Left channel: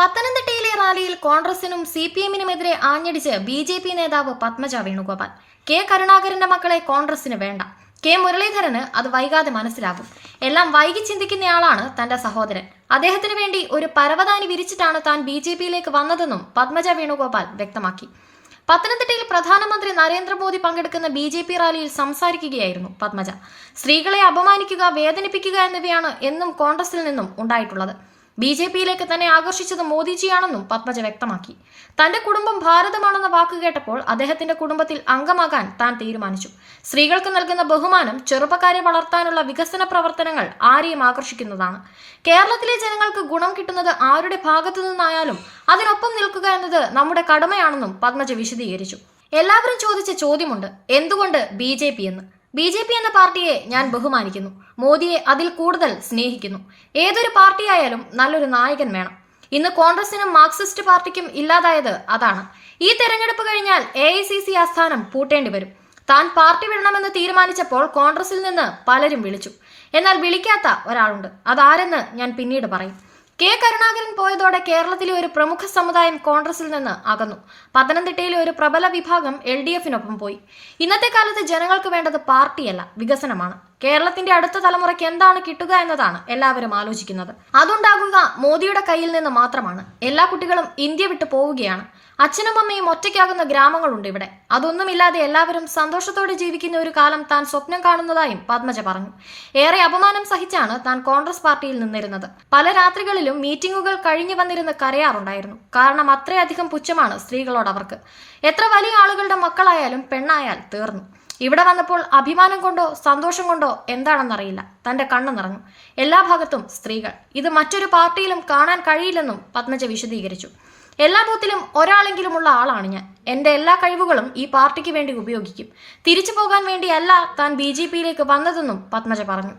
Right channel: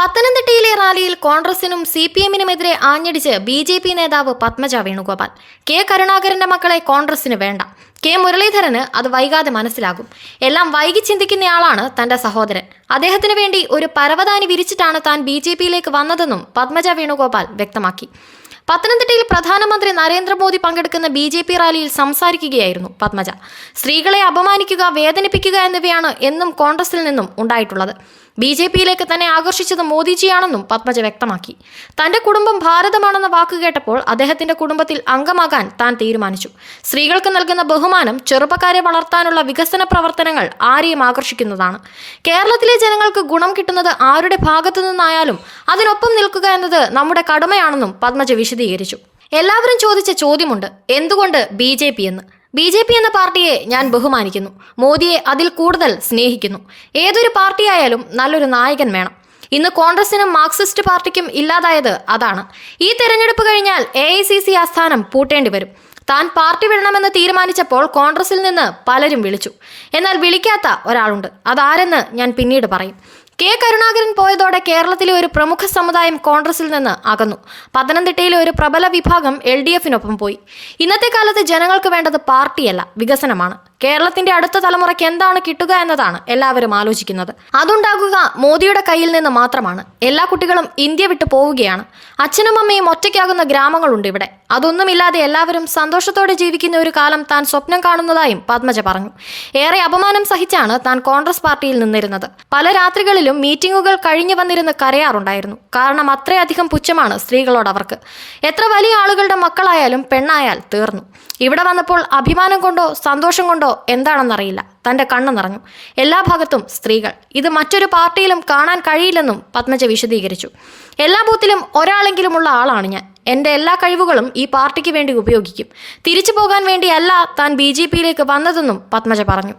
പത്തനംതിട്ടയിലെ റാലിയിൽ കോൺഗ്രസിനും CPM-നുമെതിരെ ആഞ്ഞടിച്ച് BJP നേതാവ് പത്മജ വേണുഗോപാൽ. കെ കരുണാകരന്റെ മക്കളെ കോൺഗ്രസിന് വേണ്ട. കെ മുരളീധരന് അത് വൈകാതെ മനസ്സിലാകും. എല്ലാം വൈകി ചിന്തിക്കുന്നയാളാണ് തന്റെ സഹോദരൻ. അദ്ദേഹത്തിന് വേണ്ടി ഒരു പരവതാനി വിരിച്ചിട്ടാണ് താൻ BJP-യിലേക്ക് വന്നതെന്നും പത്മജ വേണുഗോപാൽ വ്യക്തമാക്കി. പത്തനംതിട്ടയിൽ പ്രധാനമന്ത്രി നരേന്ദ്രമോദി പങ്കെടുക്കുന്ന BJP റാലിയിൽ സംസാരിക്കുകയായിരുന്നു പത്മജ. സ്ത്രീകളെ അപമാനിക്കുക, വേദനിപ്പിക്കുക എന്നിവയാണ് എന്നും കോൺഗ്രസിൽ നിന്നും ഉണ്ടായിട്ടുള്ളത്. BJP-യിലേക്ക് തന്നെ ആകർഷിച്ചത് മോദിജിയാണെന്നും പത്മജ വ്യക്തമാക്കി. തന്റെ കുടുംബം ഭാരതമാണെന്ന വാക്ക് കേട്ടപ്പോൾ അദ്ദേഹത്തിന്റെ കുടുംബത്തിൽ അംഗമാകാൻ താൻ തീരുമാനിച്ചു. സ്ത്രീകൾക്ക് നൽകുന്ന ബഹുമാനം ചെറുപ്പക്കാരെ വളർത്താനുള്ള വികസന പ്രവർത്തനങ്ങൾ ആരെയും ആകർഷിക്കുന്നതാണ്. കേരളത്തിലെ ജനങ്ങൾക്ക് ഗുണം കിട്ടുന്നത് ആരുടെ ഭാഗത്തു നിന്നായാലും അതിനൊപ്പം നിൽക്കുക എന്നത് നമ്മുടെ കടമയാണെന്നും പത്മജ വിശദീകരിച്ചു. എല്ലാവരും ചോദിച്ച ചോദ്യമുണ്ട്, എന്തുകൊണ്ട് BJP എന്ന്. BJP എന്ന പാർട്ടിയെ ഞാൻ ബഹുമാനിക്കുന്നു. മോദിയെ അതിൽ കൂടുതൽ സ്നേഹിക്കുന്നു. ഏതൊരു പാർട്ടിയായാലും നല്ലൊരു നായകൻ വേണം. ഇന്ന് കോൺഗ്രസിനും മാർക്സിസ്റ്റ് പാർട്ടിക്കും ഇല്ലാതായത് അതാണ്. ഈ തെരഞ്ഞെടുപ്പ് കഴിഞ്ഞാൽ AICC ആസ്ഥാനം പൂട്ടേണ്ടി വരും. താൻ പാർട്ടി വിടണമെന്ന് തീരുമാനിച്ചപ്പോൾ കോൺഗ്രസിൽ നിന്ന് പലരും വിളിച്ചു. എന്നാൽ വിളിക്കാത്ത ഒരാളുണ്ട്. അതാരെന്ന് ഞാൻ പിന്നീട് പറയും. കെ കരുണാകരൻ പോയതോടെ കേരളത്തിലെ ഒരു പ്രമുഖ സമുദായം കോൺഗ്രസിൽ നിന്ന് അകന്നു. പത്തനംതിട്ടയിലെ ഒരു പ്രബല വിഭാഗം LDF-നൊപ്പം പോയി. ഇന്നത്തെ കാലത്ത് ജനങ്ങൾക്ക് വേണ്ടത് പാർട്ടിയല്ല, വികസനമാണ്. കേരളത്തിന്റെ അടുത്ത തലമുറയ്ക്ക് എന്താണ് കിട്ടുക എന്നതാണ് എല്ലാവരും ആലോചിക്കുന്നത്. അതുണ്ടാകുക മോദിയുടെ കയ്യിൽ നിന്ന് മാത്രമാണ്. എല്ലാ കുട്ടികളും ഇന്ത്യ വിട്ടു പോവുകയാണ്. അച്ഛനും അമ്മയും ഒറ്റയ്ക്കാകുന്ന ഗ്രാമങ്ങളുണ്ട് ഇവിടെ. അതൊന്നുമില്ലാതെ എല്ലാവരും സന്തോഷത്തോടെ ജീവിക്കുന്ന ഒരു കാലം താൻ സ്വപ്നം കാണുന്നതായും പത്മജ പറഞ്ഞു. ഏറെ അപമാനം സഹിച്ചാണ് താൻ കോൺഗ്രസ് പാർട്ടിയിൽ നിന്നിരുന്നത്. പല രാത്രികളിലും മീറ്റിംഗുകൾ കഴിഞ്ഞു വന്നിരുന്ന് കരയാറുണ്ടായിരുന്നു. കാരണം അത്രയധികം പുച്ഛമാണ് സ്ത്രീകളോട് അവർക്ക്. എത്ര വലിയ ആളുകളുടെ മക്കളായാലും പെണ്ണായാൽ തീർന്നു. ഇവിടെ വന്നപ്പോൾ അഭിമാനം കൊണ്ടോ സന്തോഷം കൊണ്ടോ എന്താണെന്നറിയില്ല, തന്റെ കണ്ണ് നിറഞ്ഞു. എല്ലാ ഭാഗത്തും സ്ത്രീകൾ. ഇത് മറ്റൊരു പാർട്ടിയിലും കാണാൻ കഴിയില്ലെന്നും പത്മജ വിശദീകരിച്ചു. എല്ലാ ബൂത്തിലും ഒരാളെങ്കിലുമുള്ള ആളാണ് ഞാൻ. എൻ്റെ എല്ലാ കഴിവുകളും ഈ പാർട്ടിക്ക് വേണ്ടി ഉപയോഗിക്കും. തിരിച്ചു പോകാൻ വേണ്ടിയല്ല താൻ BJP-യിലേക്ക് വന്നതെന്നും പത്മജ പറഞ്ഞു.